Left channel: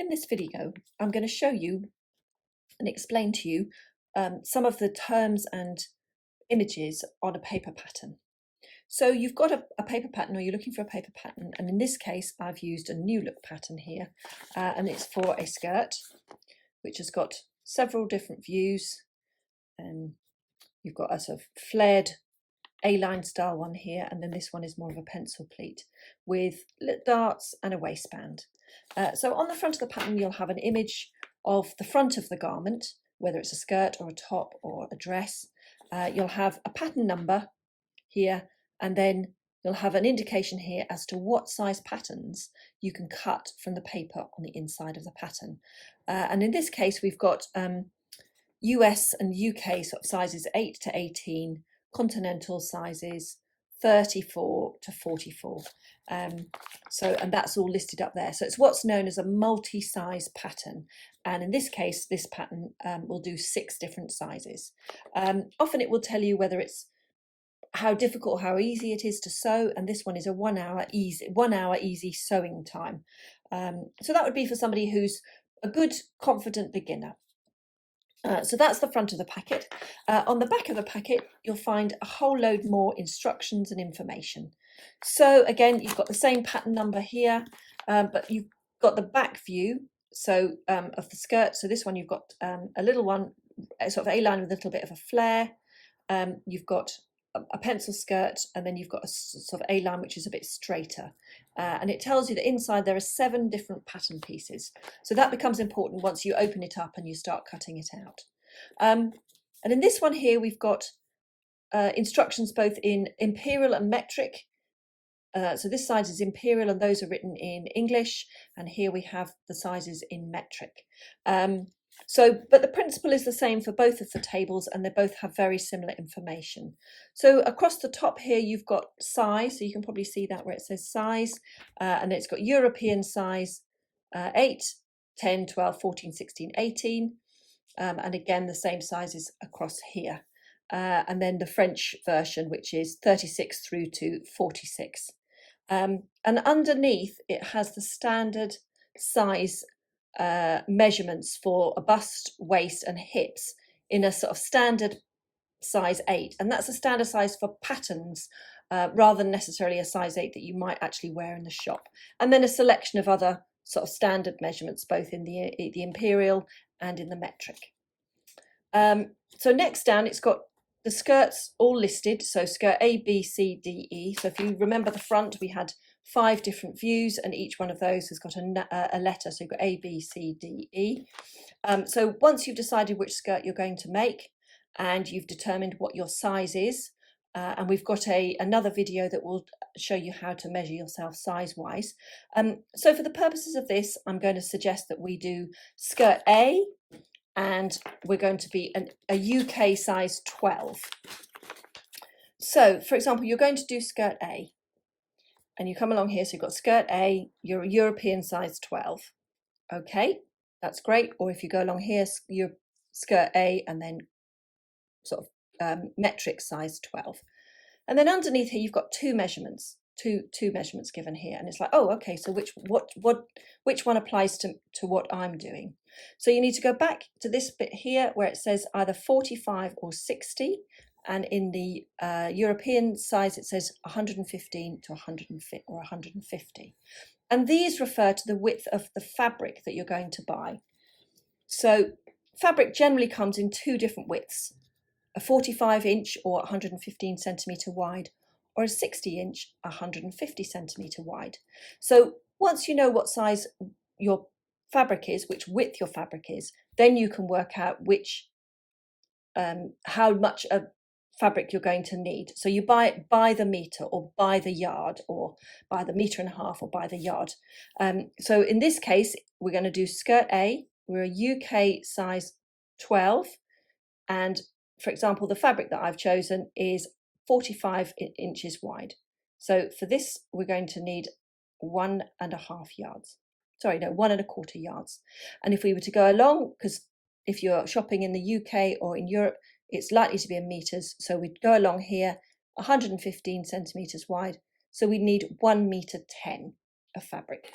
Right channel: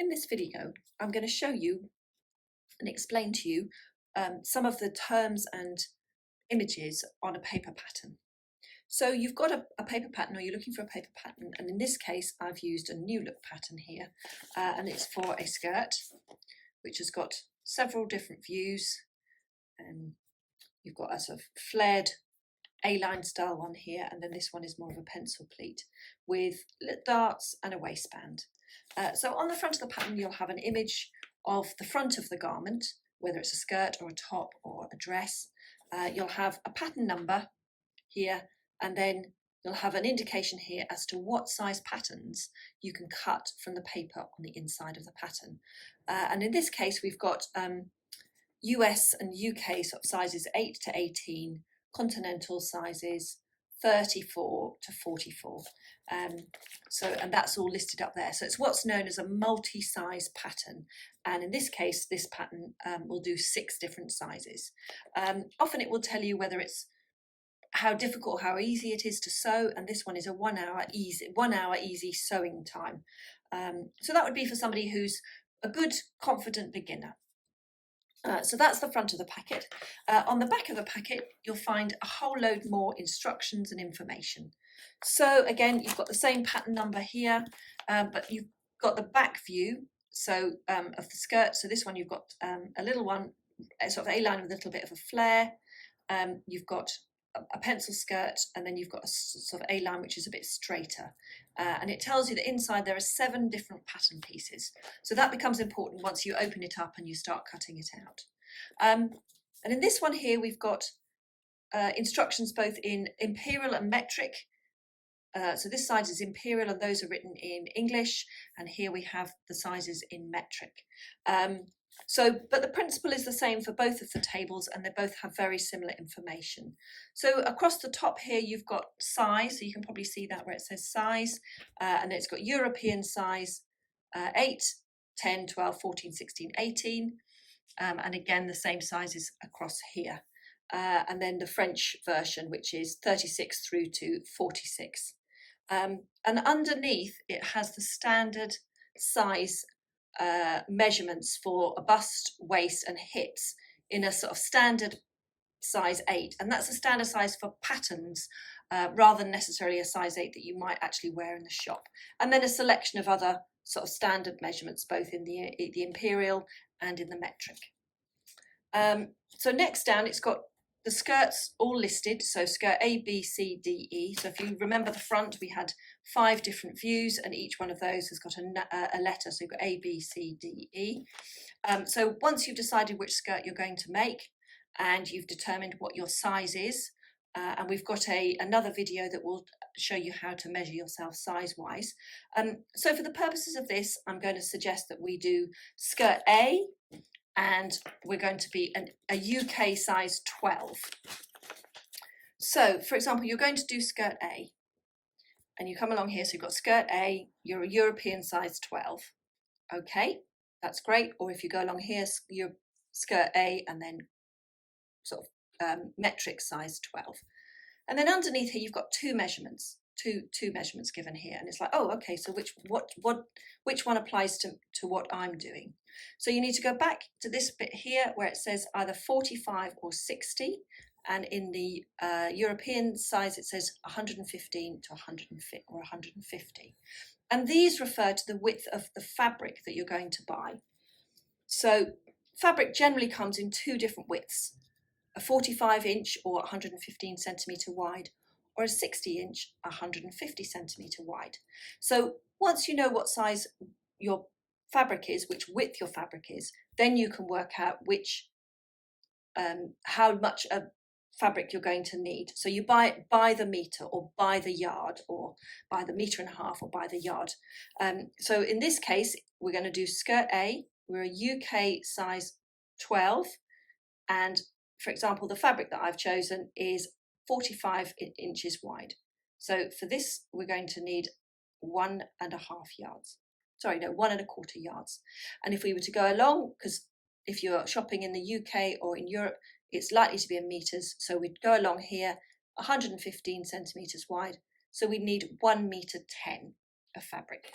In this video, I'm going to show you and explain to you some of the terms and images on a paper pattern. So you've got a paper pattern, or you're looking for a paper pattern, and in this case I've used a new look pattern here, and it's for a skirt which has got several different views. You've got a sort of flared A-line style one here, and then this one is more of a pencil pleat with darts and a waistband. So on the front of the pattern you'll have an image of the front of the garment, whether it's a skirt or a top or a dress. You'll have a pattern number here, and then you'll have an indication here as to what size patterns you can cut from the paper on the inside of the pattern. And in this case we've got US and UK sort of sizes 8 to 18, continental sizes 34 to 44. And that's all listed up there. So it's what's known as a multi-size pattern. And in this case, this pattern will do 6 different sizes. Often it will tell you whether it's how difficult, how easy it is to sew. And this one is a 1 hour easy sewing time. So that would be for somebody who's a good, confident beginner. So that's the front of the packet. On the back of the packet, you'll find a whole load more instructions and information. So again, you've got the same pattern number here, but you've got the back view of the skirt. So this one, you've got a little one, sort of A-line with a little bit of a flare. You've got a pencil skirt, and then you've got a sort of A-line which is a bit straighter. And it tells you that inside there are 7 different pattern pieces. So that becomes important once you open it up and you start cutting it out. And in this one here, we've got instructions both in imperial and metric. So this size is imperial and those are written in English. And here we have the sizes in metric. But the principle is the same for both of the tables, and they both have very similar information. So across the top here, you've got size. So you can probably see that where it says size, and it's got European size 8, 10, 12, 14, 16, 18. And again, the same sizes across here. And then the French version, which is 36 through to 46. And underneath, it has the standard size measurements for a bust, waist and hips in a sort of standard size 8, and that's a standard size for patterns rather than necessarily a size 8 that you might actually wear in the shop. And then a selection of other sort of standard measurements both in the imperial and in the metric. So next down, it's got the skirts all listed, so skirt A, B, C, D, E. So if you remember the front, we had 5 different views, and each one of those has got a letter. So you've got A, B, C, D, E. So once you've decided which skirt you're going to make, and you've determined what your size is, and we've got another video that will show you how to measure yourself size-wise. So for the purposes of this, I'm going to suggest that we do skirt A, and we're going to be a UK size 12. So, for example, you're going to do skirt A, and you come along here, so you've got skirt A, you're a European size 12. Okay, that's great. Or if you go along here, you're skirt A, and then sort of metric size 12. And then underneath here, you've got 2 measurements, two measurements given here, and it's like, oh, okay, so which one applies to what I'm doing? So you need to go back to this bit here where it says either 45 or 60, and in the European size it says 115 to 150 or 150. And these refer to the width of the fabric that you're going to buy. So fabric generally comes in 2 different widths, a 45-inch or 115 centimetre wide, or a 60-inch, 150 centimetre wide. So once you know what size your fabric is, which width your fabric is, then you can work out how much of fabric you're going to need. So you buy it by the metre, or by the yard, or by the metre and a half, or by the yard. So in this case, we're going to do skirt A. We're a UK size 12, and for example, the fabric that I've chosen is 45 inches wide. So for this, we're going to need 1.25 yards. Sorry, no, 1.25 yards. And if we were to go along, because if you're shopping in the UK or in Europe, it's likely to be in metres. So we'd go along here, 115 centimetres wide. So we need 1 metre 10 of fabric.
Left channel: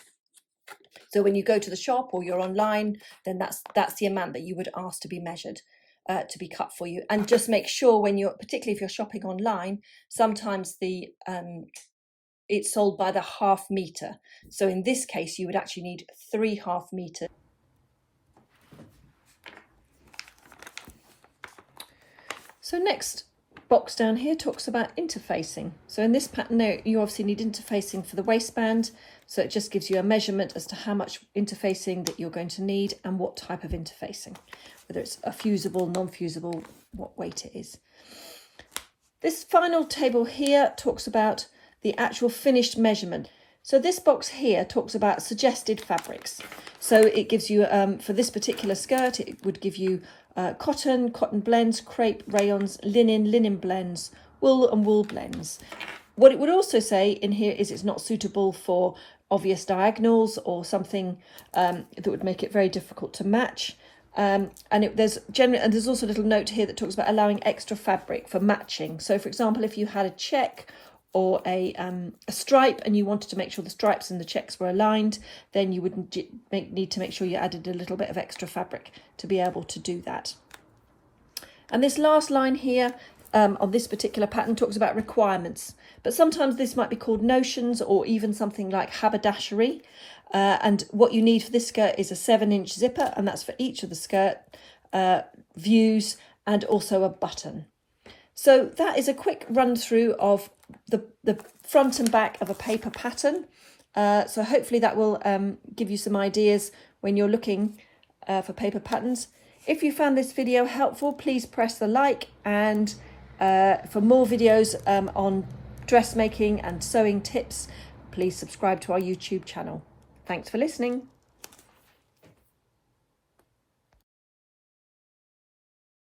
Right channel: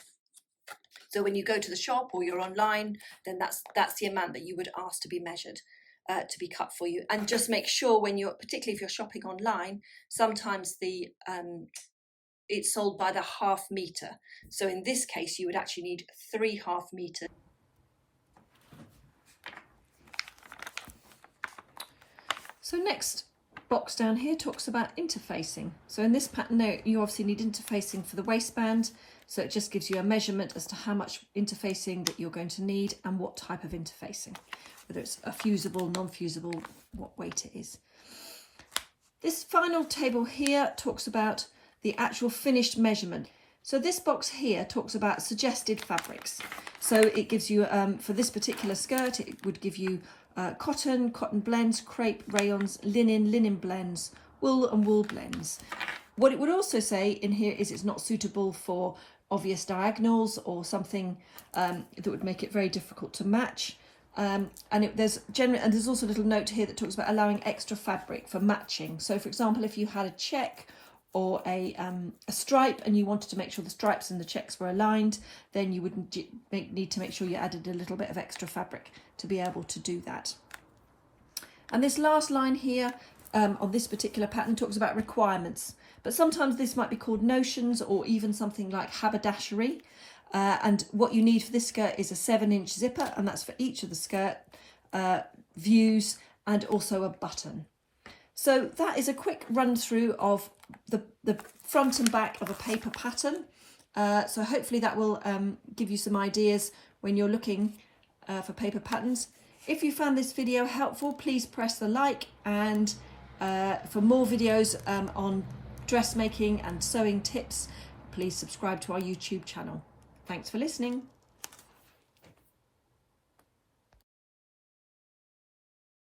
So when you go to the shop or you're online, then that's the amount that you would ask to be measured, to be cut for you. And just make sure when you're, particularly if you're shopping online, sometimes it's sold by the half meter. So in this case, you would actually need 3 half meters. So next box down here talks about interfacing. So in this pattern there, you obviously need interfacing for the waistband. So it just gives you a measurement as to how much interfacing that you're going to need and what type of interfacing, whether it's a fusible, non-fusible, what weight it is. This final table here talks about the actual finished measurement. So this box here talks about suggested fabrics. So it gives you, for this particular skirt, it would give you cotton, cotton blends, crepe, rayons, linen, linen blends, wool and wool blends. What it would also say in here is it's not suitable for obvious diagonals or something that would make it very difficult to match. There's also a little note here that talks about allowing extra fabric for matching. So for example, if you had a check or a stripe and you wanted to make sure the stripes and the checks were aligned, then you would need to make sure you added a little bit of extra fabric to be able to do that. And this last line here on this particular pattern talks about requirements, but sometimes this might be called notions or even something like haberdashery. And what you need for this skirt is a 7-inch zipper, and that's for each of the skirt views, and also a button. So that is a quick run through of the front and back of a paper pattern. So hopefully that will give you some ideas when you're looking for paper patterns. If you found this video helpful, please press the like, and for more videos on dressmaking and sewing tips, please subscribe to our YouTube channel. Thanks for listening.